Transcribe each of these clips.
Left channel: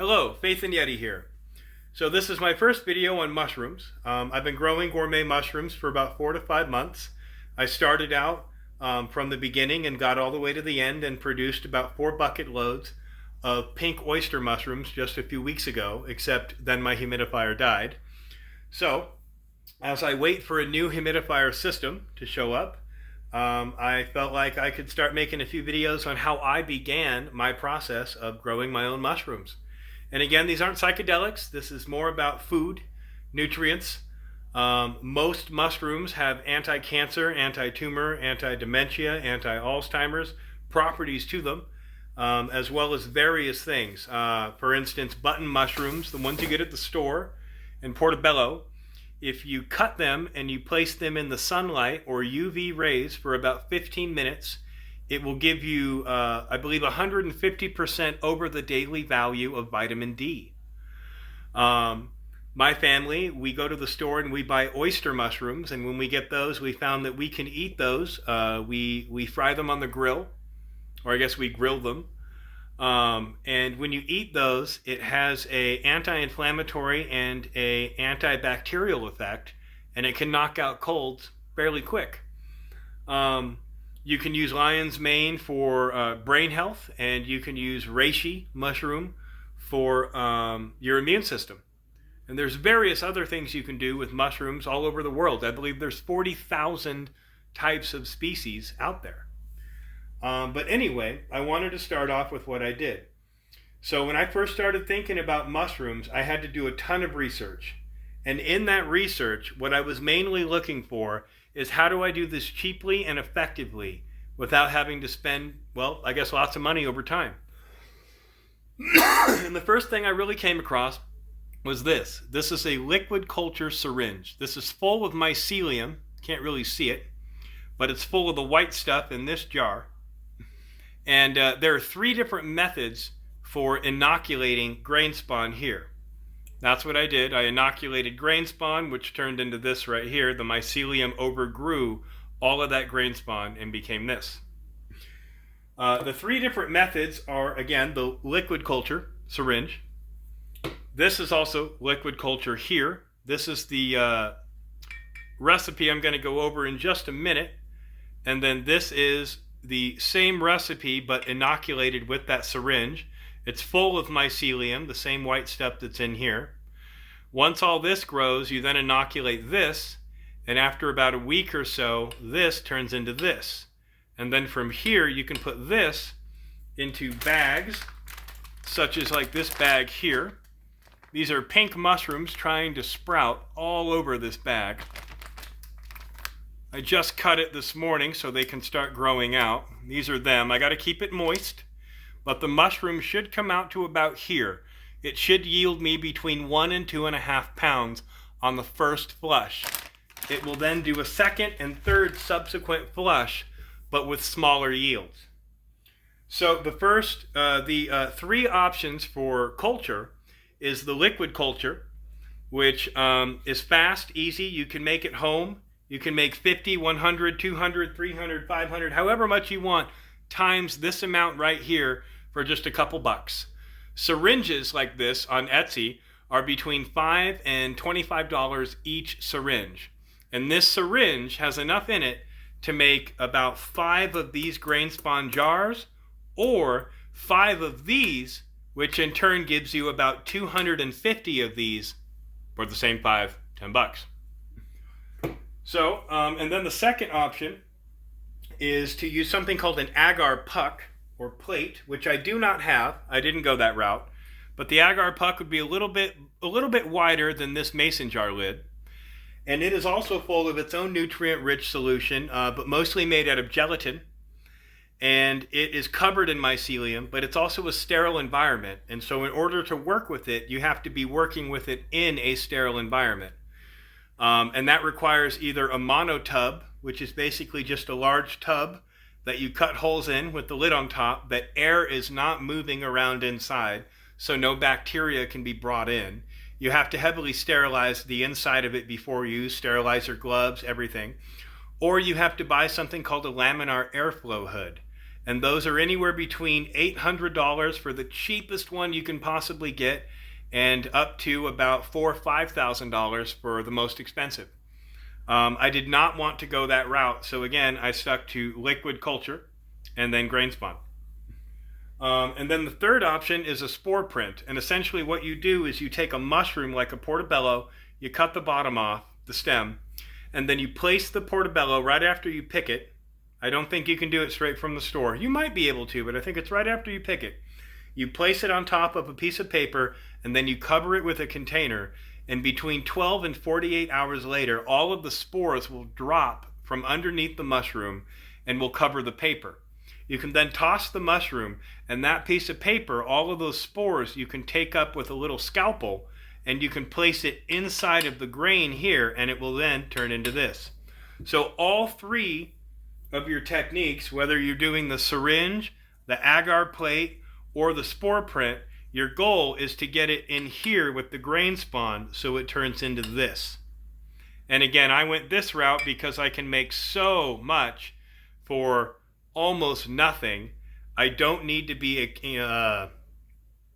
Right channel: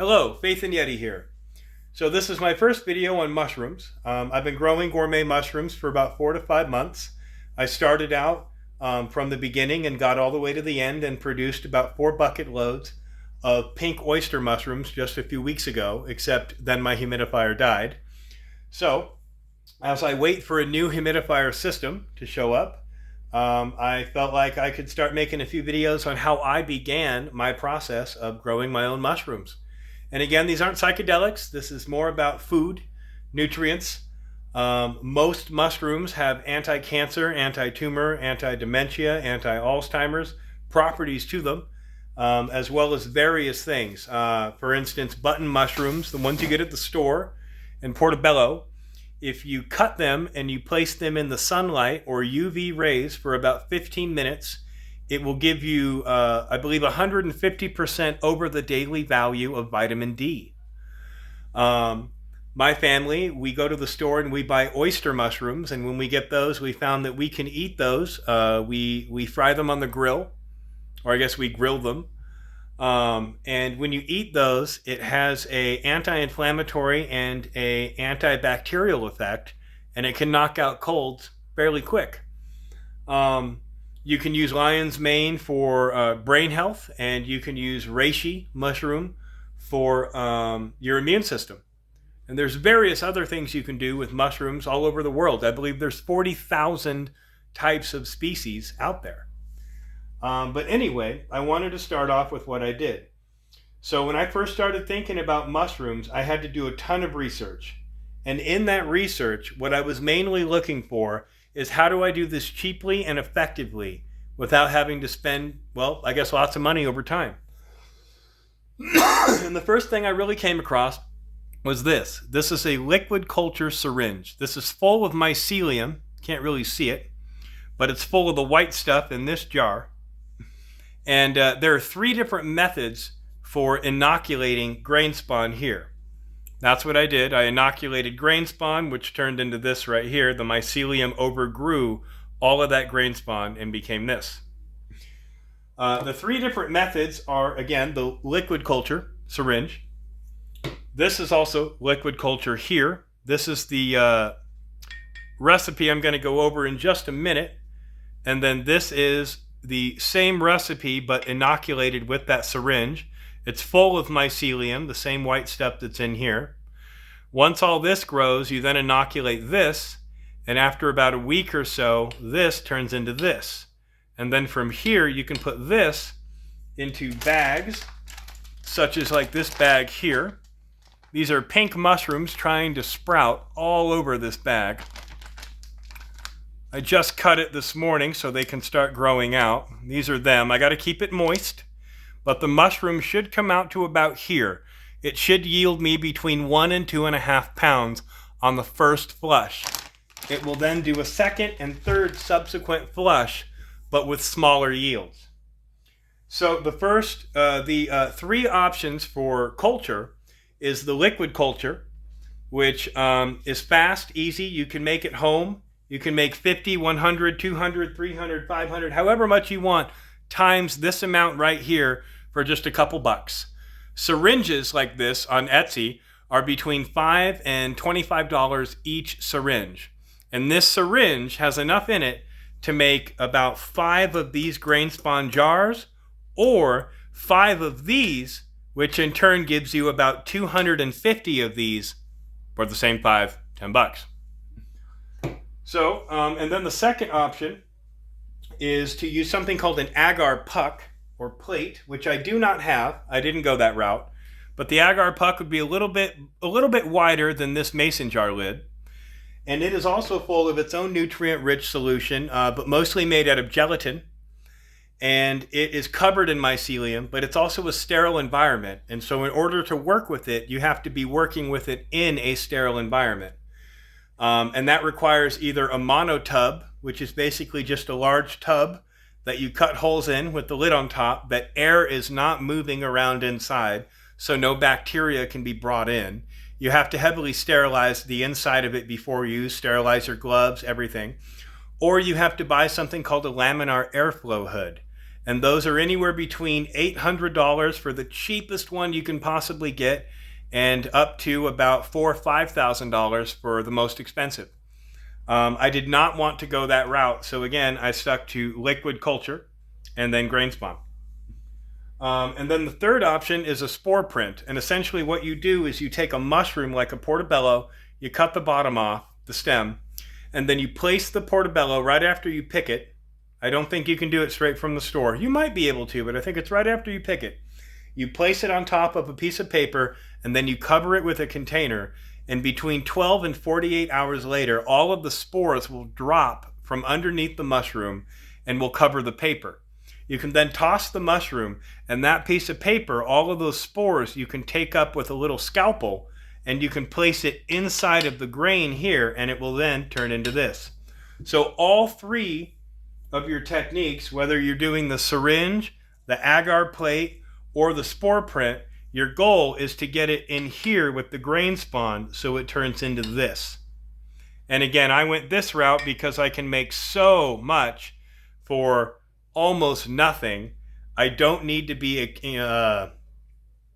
Hello, Faith and Yeti here. So this is my first video on mushrooms. I've been growing gourmet mushrooms for about 4 to 5 months. I started out from the beginning and got all the way to the end and produced about 4 bucket loads of pink oyster mushrooms just a few weeks ago, except then my humidifier died. So as I wait for a new humidifier system to show up, I felt like I could start making a few videos on how I began my process of growing my own mushrooms. And again, these aren't psychedelics. This is more about food, nutrients. Most mushrooms have anti-cancer, anti-tumor, anti-dementia, anti-Alzheimer's properties to them, as well as various things. For instance, button mushrooms, the ones you get at the store in Portobello, if you cut them and you place them in the sunlight or UV rays for about 15 minutes, it will give you, I believe, 150% over the daily value of vitamin D. My family, we go to the store and we buy oyster mushrooms, and when we get those, we found that we can eat those. We fry them on the grill, or I guess we grill them. And when you eat those, it has a anti-inflammatory and a antibacterial effect, and it can knock out colds fairly quick. You can use lion's mane for brain health, and you can use reishi mushroom for your immune system. And there's various other things you can do with mushrooms all over the world. I believe there's 40,000 types of species out there. But anyway, I wanted to start off with what I did. So when I first started thinking about mushrooms, I had to do a ton of research. And in that research, what I was mainly looking for is how do I do this cheaply and effectively without having to spend, well, I guess lots of money over time. And the first thing I really came across was this. This is a liquid culture syringe. This is full of mycelium. Can't really see it, but it's full of the white stuff in this jar. And there are 3 different methods for inoculating grain spawn here. That's what I did. I inoculated grain spawn, which turned into this right here. The mycelium overgrew all of that grain spawn and became this. The 3 different methods are, again, the liquid culture syringe. This is also liquid culture here. This is the recipe I'm going to go over in just a minute. And then this is the same recipe but inoculated with that syringe. It's full of mycelium, the same white stuff that's in here. Once all this grows, you then inoculate this, and after about a week or so, this turns into this. And then from here, you can put this into bags, such as like this bag here. These are pink mushrooms trying to sprout all over this bag. I just cut it this morning so they can start growing out. These are them. I got to keep it moist, but the mushroom should come out to about here. It should yield me between 1 and 2.5 pounds on the first flush. It will then do a second and third subsequent flush, but with smaller yields. So the first, 3 options for culture is the liquid culture, which is fast, easy. You can make it home. You can make 50, 100, 200, 300, 500, however much you want, times this amount right here for just a couple bucks. Syringes like this on Etsy are between $5 and $25 each syringe. And this syringe has enough in it to make about 5 of these grain spawn jars, or 5 of these, which in turn gives you about 250 of these for the same $5, $10. So, and then the second option is to use something called an agar puck or plate, which I do not have. I didn't go that route. But the agar puck would be a little bit wider than this mason jar lid. And it is also full of its own nutrient-rich solution, but mostly made out of gelatin. And it is covered in mycelium, but it's also a sterile environment. And so in order to work with it, you have to be working with it in a sterile environment. And that requires either a monotub, which is basically just a large tub that you cut holes in with the lid on top, that air is not moving around inside, so no bacteria can be brought in. You have to heavily sterilize the inside of it before you use, sterilize your gloves, everything. Or you have to buy something called a laminar airflow hood. And those are anywhere between $800 for the cheapest one you can possibly get, and up to about $4,000 or $5,000 for the most expensive. I did not want to go that route, so again, I stuck to liquid culture and then grain spawn. And then the third option is a spore print. And essentially what you do is you take a mushroom like a portobello, you cut the bottom off, the stem, and then you place the portobello right after you pick it. I don't think you can do it straight from the store. You might be able to, but I think it's right after you pick it. You place it on top of a piece of paper, and then you cover it with a container. And between 12 and 48 hours later, all of the spores will drop from underneath the mushroom and will cover the paper. You can then toss the mushroom, and that piece of paper, all of those spores, you can take up with a little scalpel, and you can place it inside of the grain here, and it will then turn into this. So all three of your techniques, whether you're doing the syringe, the agar plate, or the spore print, your goal is to get it in here with the grain spawn so it turns into this. And again, I went this route because I can make so much for almost nothing. I don't need to be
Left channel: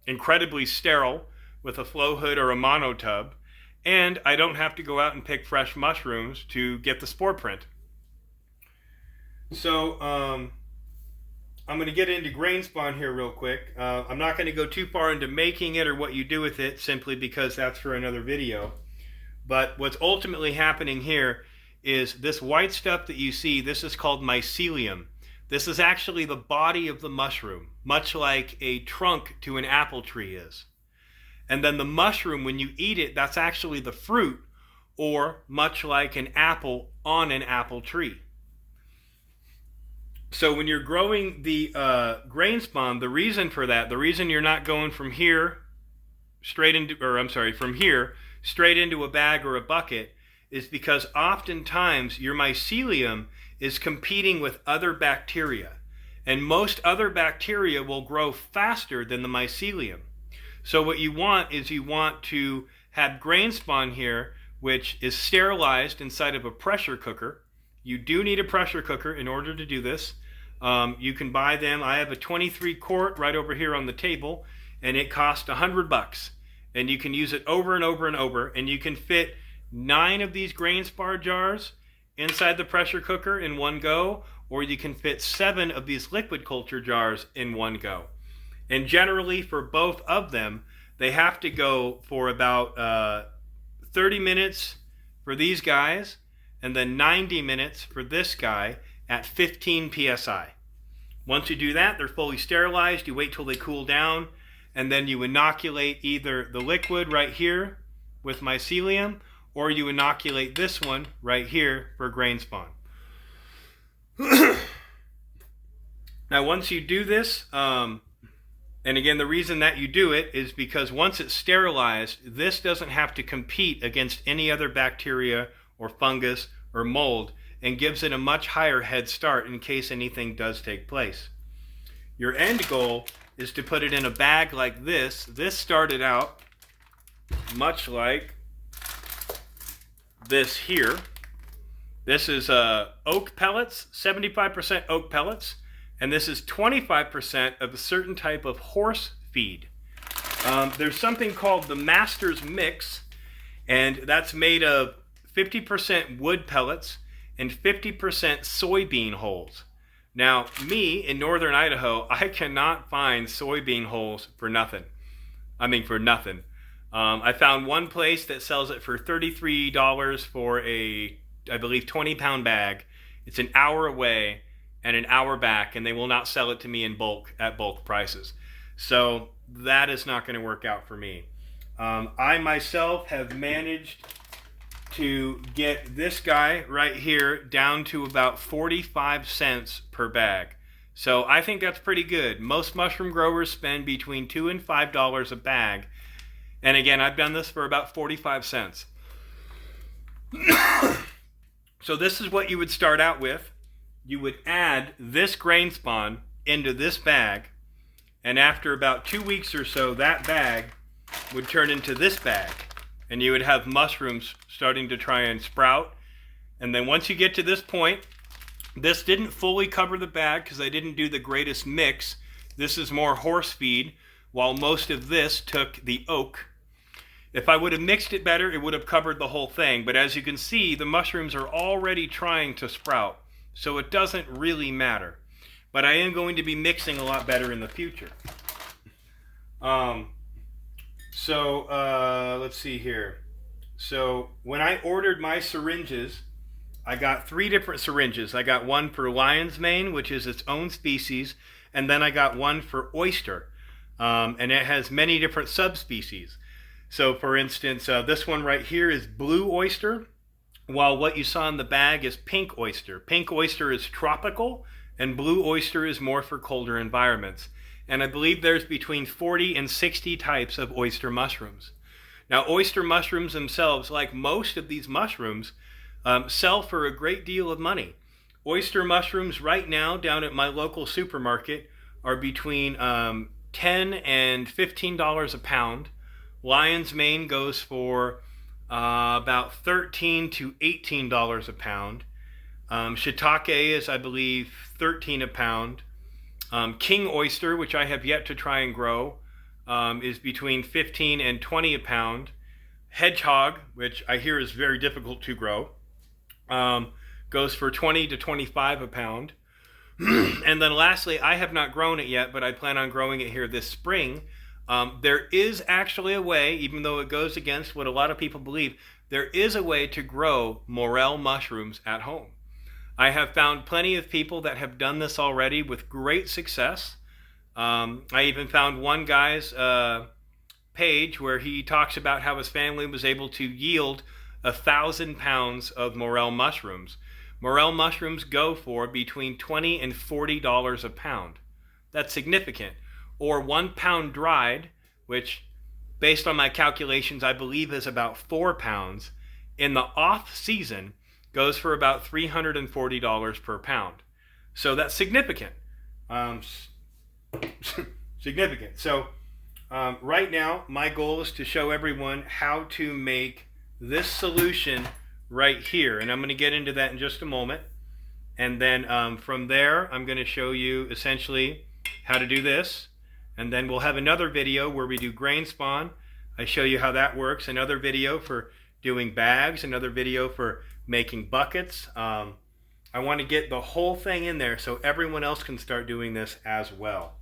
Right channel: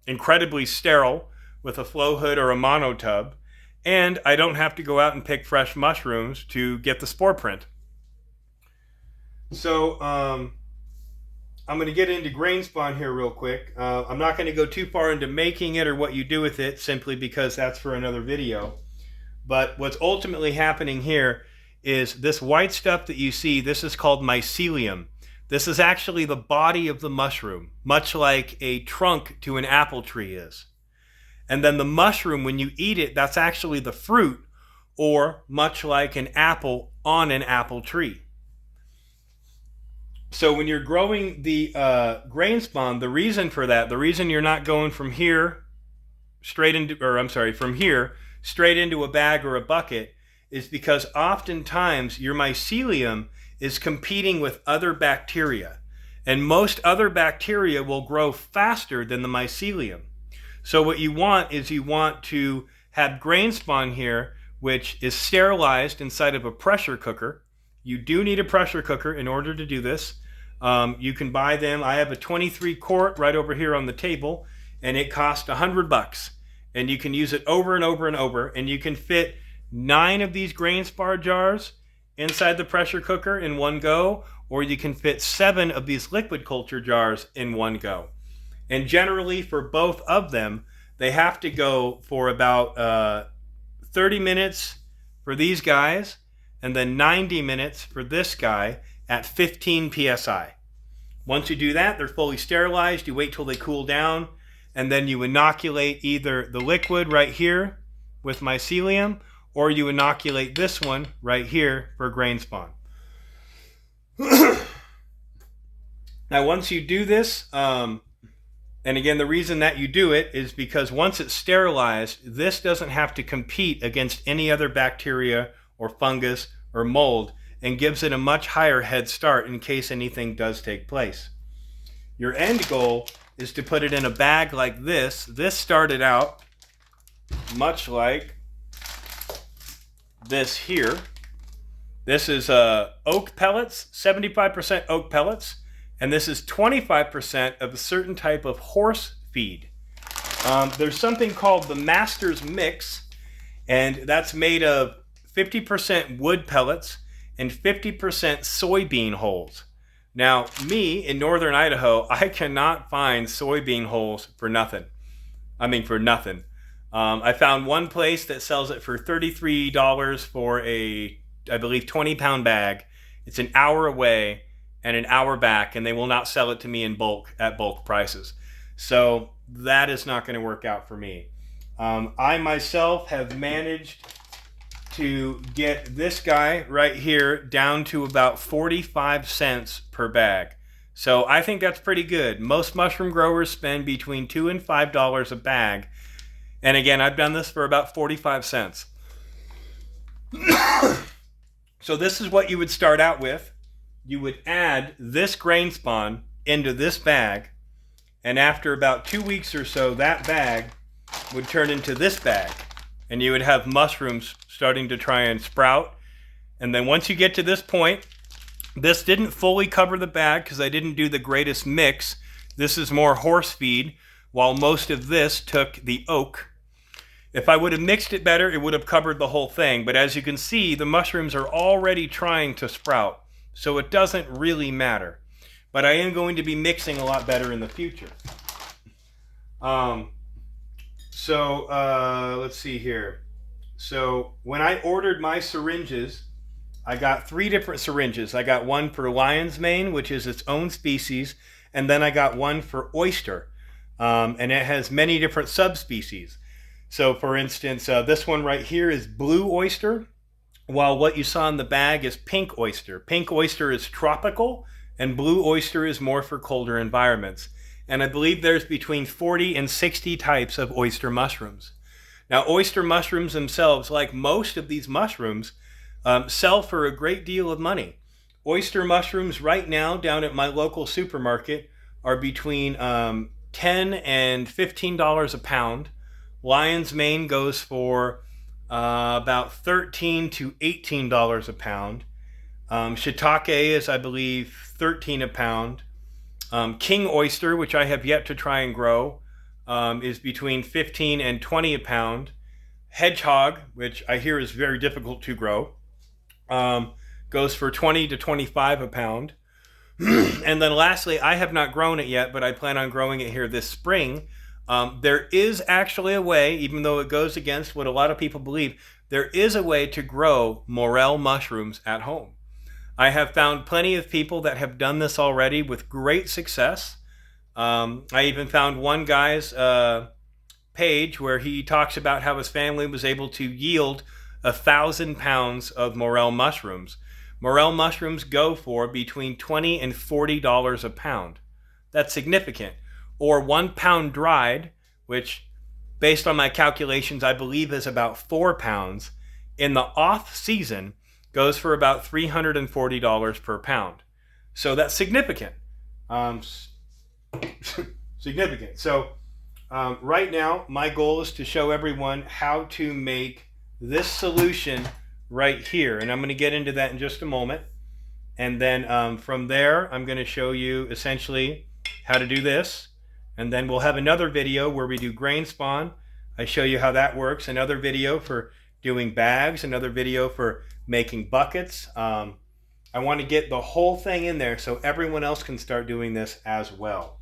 incredibly sterile with a flow hood or a monotub, and I don't have to go out and pick fresh mushrooms to get the spore print. So I'm going to get into grain spawn here real quick. I'm not going to go too far into making it or what you do with it, simply because that's for another video. But what's ultimately happening here is this white stuff that you see, this is called mycelium. This is actually the body of the mushroom, much like a trunk to an apple tree is. And then the mushroom, when you eat it, that's actually the fruit, or much like an apple on an apple tree. So when you're growing the grain spawn, the reason for that, the reason you're not going from here straight into, from here straight into a bag or a bucket, is because oftentimes your mycelium is competing with other bacteria. And most other bacteria will grow faster than the mycelium. So what you want is you want to have grain spawn here, which is sterilized inside of a pressure cooker. You do need a pressure cooker in order to do this. You can buy them. I have a 23 quart right over here on the table, and it costs $100. And you can use it over and over and over, and you can fit 9 of these grain spawn jars inside the pressure cooker in one go, or you can fit 7 of these liquid culture jars in one go. And generally for both of them, they have to go for about 30 minutes for these guys, and then 90 minutes for this guy at 15 psi. Once you do that, they're fully sterilized. You wait till they cool down, and then you inoculate either the liquid right here with mycelium, or you inoculate this one right here for grain spawn. Now, once you do this, and again, the reason that you do it is because once it's sterilized, this doesn't have to compete against any other bacteria or fungus or mold, and gives it a much higher head start in case anything does take place. Your end goal is to put it in a bag like this. This started out much like this here. This is oak pellets, 75% oak pellets, and this is 25% of a certain type of horse feed. There's something called the Master's Mix, and that's made of 50% wood pellets and 50% soybean hulls. Now, me in northern Idaho, I cannot find soybean hulls for nothing. I mean, for nothing. I found one place that sells it for $33 for a, I believe, 20-pound bag. It's an hour away and an hour back, and they will not sell it to me in bulk at bulk prices. So that is not going to work out for me. I myself have managed to get this guy right here down to about 45 cents per bag. So I think that's pretty good. Most mushroom growers spend between $2 and $5 a bag. And again, I've done this for about 45 cents. So this is what you would start out with. You would add this grain spawn into this bag, and after about 2 weeks or so, that bag would turn into this bag, and you would have mushrooms starting to try and sprout. And then once you get to this point, This didn't fully cover the bag because I didn't do the greatest mix. This is more horse feed, while most of this took the oak. If I would have mixed it better, it would have covered the whole thing. But as you can see, the mushrooms are already trying to sprout, so it doesn't really matter. But I am going to be mixing a lot better in the future. Let's see here. So when I ordered my syringes, I got 3 different syringes. I got one for lion's mane, which is its own species, and then I got one for oyster, and it has many different subspecies. So for instance, this one right here is blue oyster, while what you saw in the bag is pink oyster. Pink oyster is tropical, and blue oyster is more for colder environments. And I believe there's between 40 and 60 types of oyster mushrooms. Now, oyster mushrooms themselves, like most of these mushrooms, sell for a great deal of money. Oyster mushrooms right now down at my local supermarket are between $10 and $15 a pound. Lion's mane goes for about $13 to $18 a pound. Shiitake is, I believe, $13 a pound. King oyster, which I have yet to try and grow, is between $15 and $20 a pound. Hedgehog, which I hear is very difficult to grow, goes for $20 to $25 a pound. And then lastly, I have not grown it yet, but I plan on growing it here this spring. There is actually a way, even though it goes against what a lot of people believe, there is a way to grow morel mushrooms at home. I have found plenty of people that have done this already with great success. I even found one guy's page where he talks about how his family was able to yield 1,000 pounds of morel mushrooms. Morel mushrooms go for between $20 and $40 a pound. That's significant. Or 1 pound dried, which based on my calculations I believe is about 4 pounds, in the off season goes for about $340 per pound. So that's significant. Significant. So right now my goal is to show everyone how to make this solution right here, and I'm going to get into that in just a moment. And then from there I'm going to show you essentially how to do this, and then we'll have another video where we do grain spawn. I show you how that works, another video for doing bags, another video for making buckets. I want to get the whole thing in there so everyone else can start doing this as well.